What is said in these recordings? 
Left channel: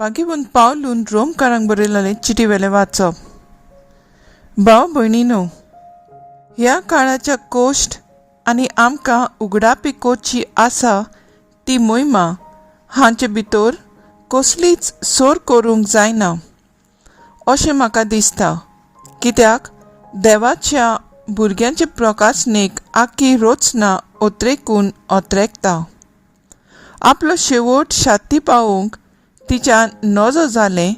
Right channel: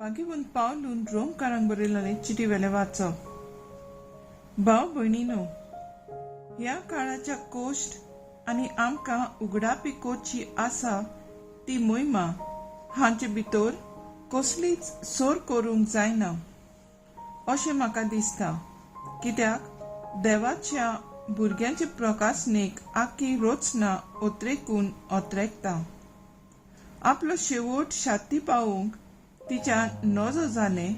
पागीबून पावलून रोमकारांक बरयलेलें चिटी वेलें वाचप. भाव भयणीनो, ह्या काळाच्या कोश्ट आनी आमकां उगडापी कोची आसा ती मोहिमा हांचे भितर कसलीच सोर करूंक जायना अशें म्हाका दिसता. कित्याक देवाच्या भुरग्यांचे प्रकाशनेक आख्खी रोचना ओत्रेकून ओत्रेकता. आपलो शेवट शाती पावोवंक तिच्या नजो जालें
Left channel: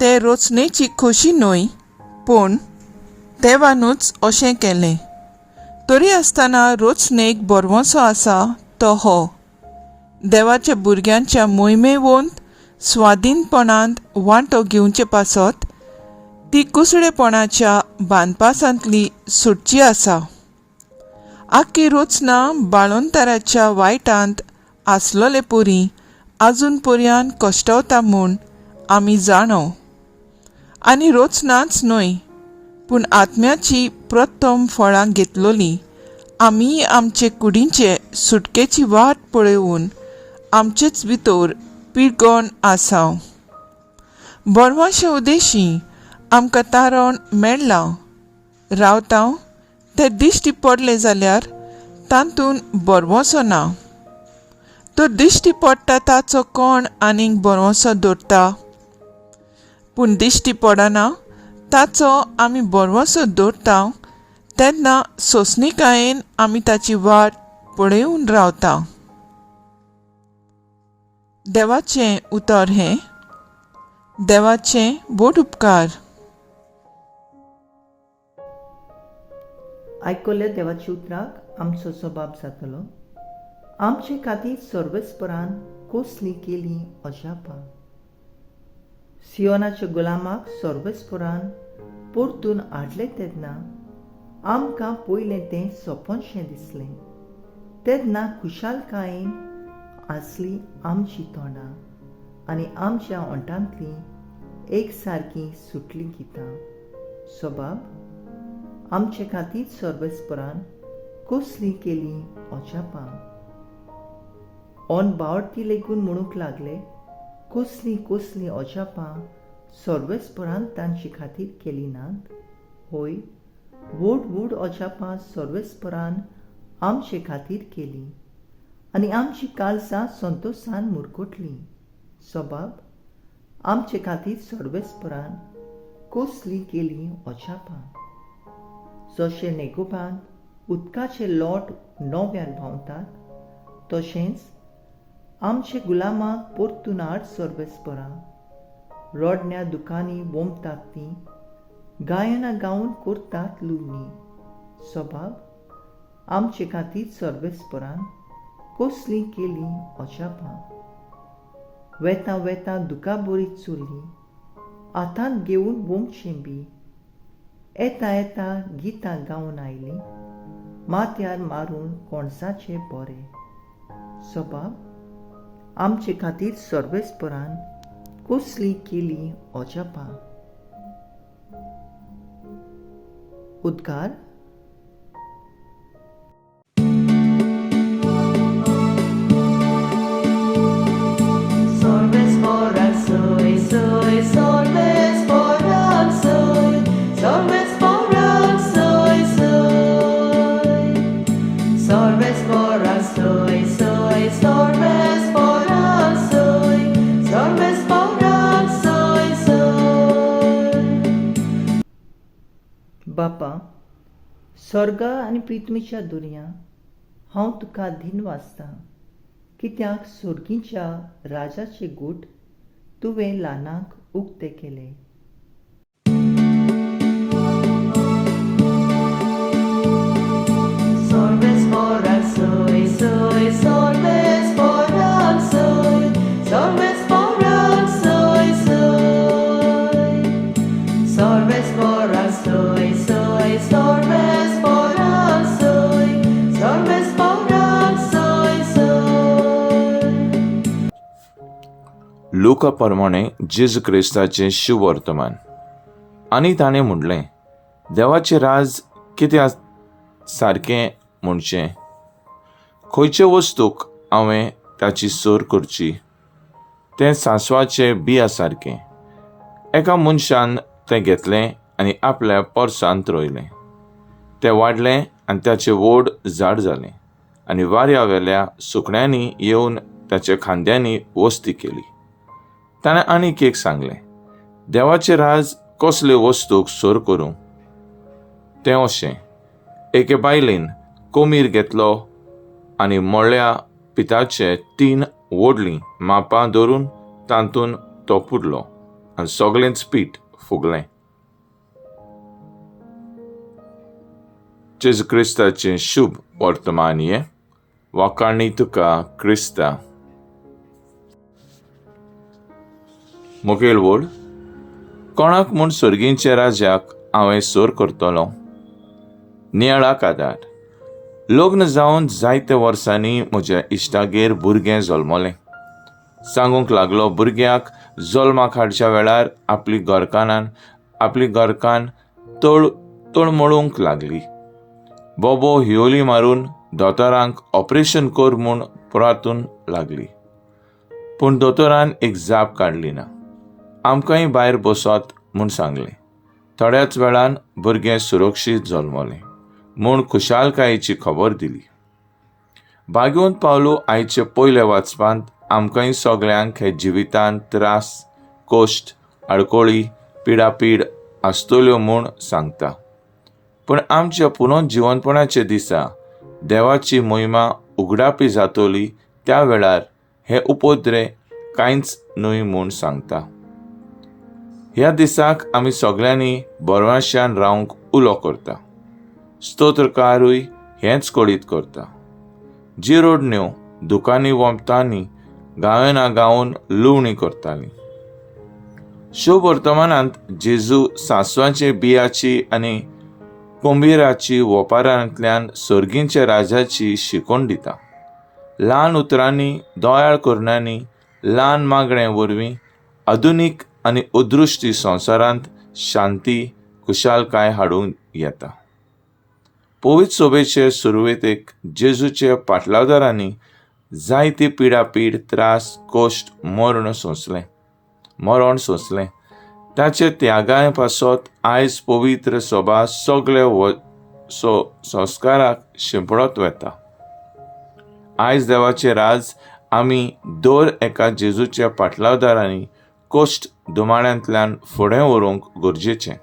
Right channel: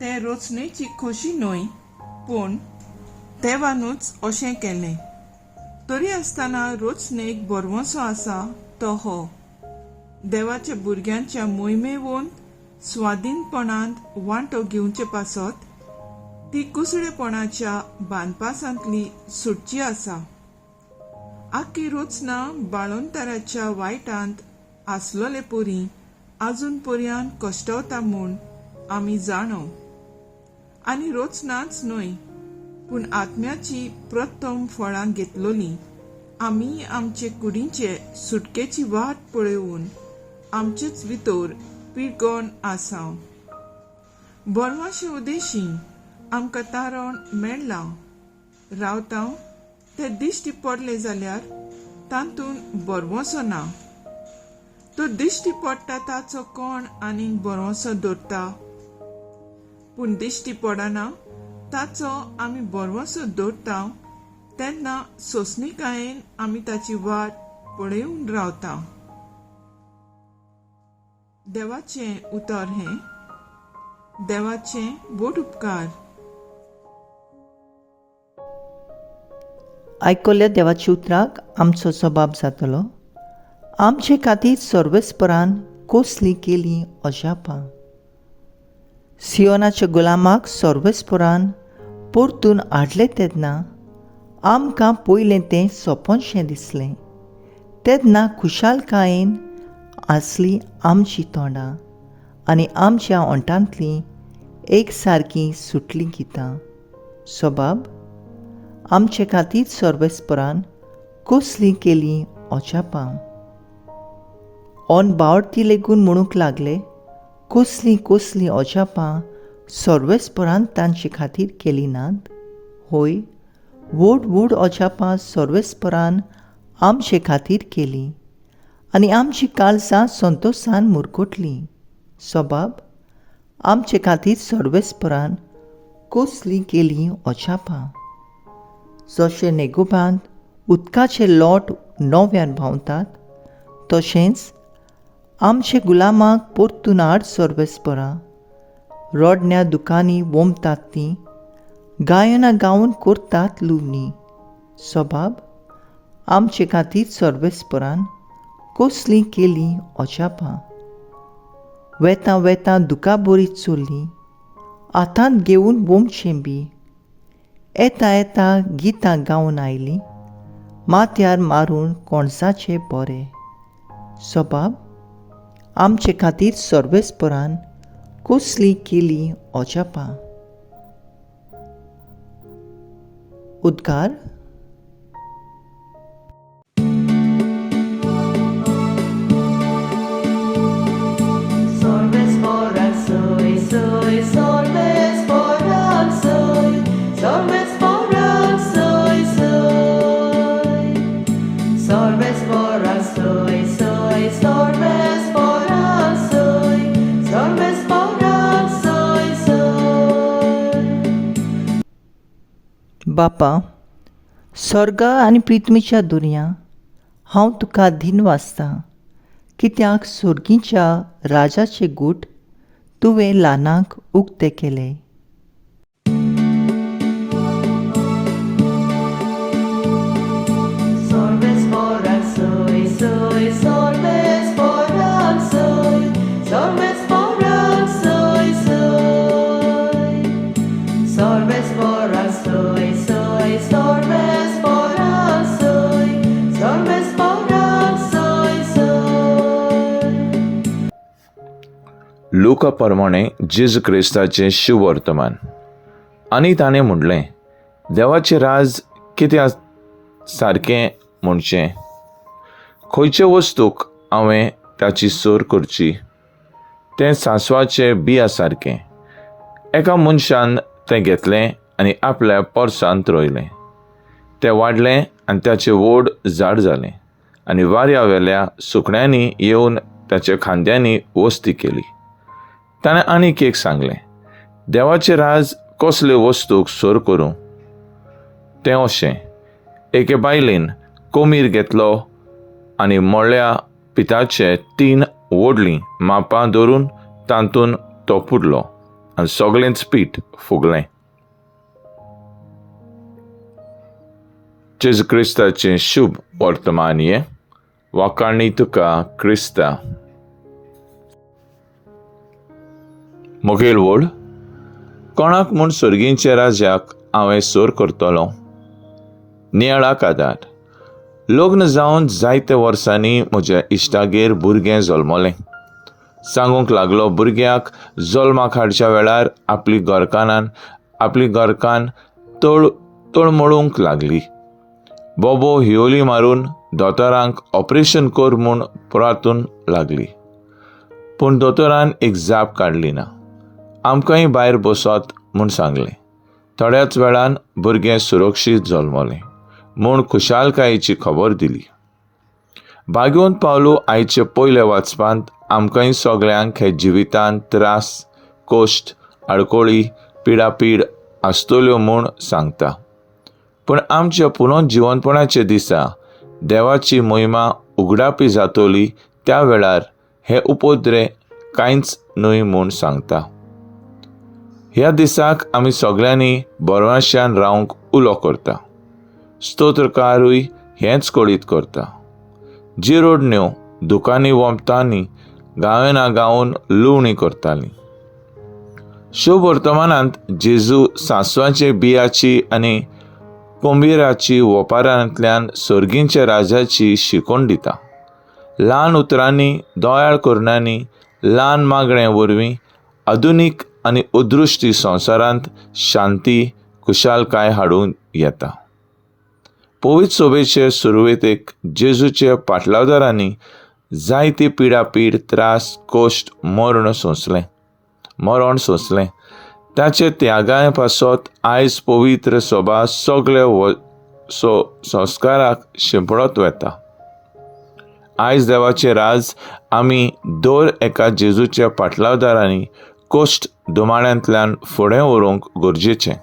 ते रोचनेची खोशी न्हय, पूण देवानूच अशें केलें. तरी आसतना रोचनेक बरवंसो आसा तो हो: देवाच्या भुरग्यांच्या मोहिमेवंत स्वाधीनपणांत वांटो घेवचे पासत ती कुसडेपणाच्या बांदपासांतली सुटची आसा. आख्खी रोचना बाळोंतराच्या वायटांत आसलोले पुरी आजून पर्यान कश्टावता म्हूण आमी जाणव. आनी रोचनाच न्हय, पूण आत्म्याची प्रथम फळां घेतलोली आमी आमचे कुडींचे सुटकेची वाट पळोवन आमचेच भितर पिळगोन आसाव. बरवाशे उदेशी आमकां तारण मेळ्ळां. रावतां ते दिश्टी पडले जाल्यार तातूंत बरवंसो ना. तो दिश्टी पडटा ताचो कोण आनीक बरवंसो दवरता, पूण दिश्टी पडना ताचो आमी बरवंसो दवरता तेन्ना सोंसणिकायेन आमी ताची वाट पळयून रावता. देवाचें उतर हें: देवाचें बोट उपकार. आयकल्ल्या देवाच्या उतराक आमचो जबाब जातलो: आमचे खातीर सर्वेस्परान कसली केली अजापां. सियोनाच्या गुलामाक सर्वेस्परान परतून हाडले तेन्ना आमकां पयलें तें सोंपोनशें दिसलें. तेन्ना खुशालकायेन आसली आमची तोंडां आनी आमच्या ओंठांतलीं एक सारकीं सुटलीं गितां. जबाब: आमचे खातीर सर्वेस्परान कसली केली अजापां. ओन बावडती लेगून म्हणूंक लागले: कसली कसली अजापां सर्वेस्परान तांचे खातीर केली नात. होय, व्हड व्हड अजापां सर्वेस्परान आमचे खातीर केली आनी आमची काळजां संतोशान मुरगोटलीं. जबाब: आमचे खातीर सर्वेस्परान कसली केली अजापां. जशे नेगोबांत उदकाचे लोट नव्यान व्हांवतात, तशेंच आमचे गुलामाक परतून हाड सर्वेस्परा. रोडण्या दुकांनी वोमतात तीं, गायनां गावन करतात लुवणी. जबाब: आमचे खातीर सर्वेस्परान कसली केली अजापां. वेतां वेतां दुकां बरी चोरलीं, हातांत घेवन वोमचें बी. येता येता गितां गावन आयलीं, माथ्यार मारून कोणसाचें बरें. जबाब: आमचे खातीर सर्वेस्परान कसली केली अजापां. उद्गार. बापा, स्वर्ग आनी पृथ्वीच्या दुर्या, हांव तुका दिनवासतां, कित्याक सर्गीच्या राजाचे गूट तुवें ल्हानांक उक्ते केले. लुका प्रमाणे जेजू क्रिस्ताचें शिव वर्तमान. आनी ताणें म्हणलें: देवाचें राज कितें सारकें म्हणचें? खंयचे वस्तूक हांवें ताची सोर करची? तें सांसवाचें बिया सारकें. एका मनशान तें घेतलें आनी आपल्या पोरसांत रोयलें. तें वाडलें आनी ताचें वोड झाड जालें आनी वाऱ्यावेल्या सुकण्यांनी येवन ताच्या खांद्यांनी वस्ती केली. ताणें आनीक एक सांगलें, देवाचें राज कसले वस्तूक सोर करूं. तें अशें, एके बायलेन कोमीर घेतलो आनी मोळ्या पिठाचे 3 व्हडलीं मापां दवरून तातूंत तो पुडलो आनी सगळेंच पीठ फुगलें. जेजू क्रिस्ताचें शुभ वर्तमान हें. वाखाणणी तुका क्रिस्ता. मुखेल वड. कोणाक म्हूण सर्गींच्या राजाक हांवें सोर करतलों. नियाळाक आदार. लग्न जावन जायत्या वर्सांनी म्हज्या इश्टागेर भुरगें जल्मलें. सांगूंक लागलो, भुरग्याक जल्माक हाडच्या वेळार आपली घरकान तळमळूंक लागली. बोबो हियोली मारून दोतोरांक ऑपरेशन कर म्हूण पुरातून लागली. पूण दोतोरान एक जाप काडली ना. आमकांय भायर बसोत म्हूण सांगलें. थोड्याच वेळान भुरगें सुरक्षीत जल्मलें म्हूण खुशालकायेची खबर दिली. भाग्यवंत पावलो आयचे पयले वाचपांत आमकांय सगळ्यांक हे जिवितांत त्रास, कोश्ट, आडकोळी, पिडापीड आसतल्यो म्हूण सांगता. पूण आमच्या पुनर्जिवनपणाचे दिसा देवाची महिमा उगडापी जातली त्या वेळार हे उपद्रे कांयच न्हय म्हूण सांगता. ह्या दिसाक आमी सगळ्यांनी बरवाश्यान रावंक उलो करता. स्तोत्रकारूय हेंच कळीत करता. जिरोडण्यो दुकानी वंपतांनी गांवेना गांवन लुवणी करतालीं. शुभ वर्तमानांत जेजू सांसवाचे बियाची आनी कोंबीराची ओपारांतल्यान सर्गींच्या राजाची शिकोण दिता. ल्हान उतरांनी, दोयाळ करण्यांनी, ल्हान मागण्या वरवीं आधुनीक आनी अदृश्टी संवसारांत शांती, खुशालकाय हाडून येता. पवित्र सोबेचे सुरवेतेक जेजूच्या पाटलावदारांनी जायती पिडापीड, त्रास, कोश्ट, मरण सोंसलें. ताचे त्यागाय पासत आयज पवित्र सोबा सगळे संस्काराक शिंपडत वता. आयज देवाचें राज आमी दर एका जेजूच्या पाटलावदारांनी कोश्ट दुमाड्यांतल्यान फुडें व्हरूंक गरजेचें.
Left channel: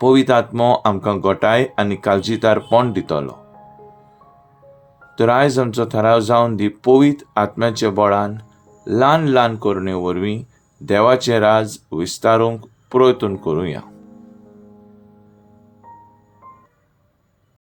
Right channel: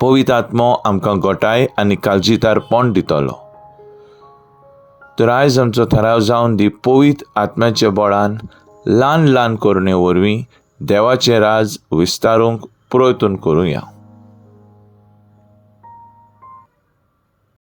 पवित्र आत्मो आमकां घटाय आनी काळजीतारपण दितलो. तर आयज आमचो थाराव जावन दी पवित्र आत्म्याच्या बळान ल्हान ल्हान करणे वरवीं देवाचें राज विस्तारूंक प्रयत्न करुया.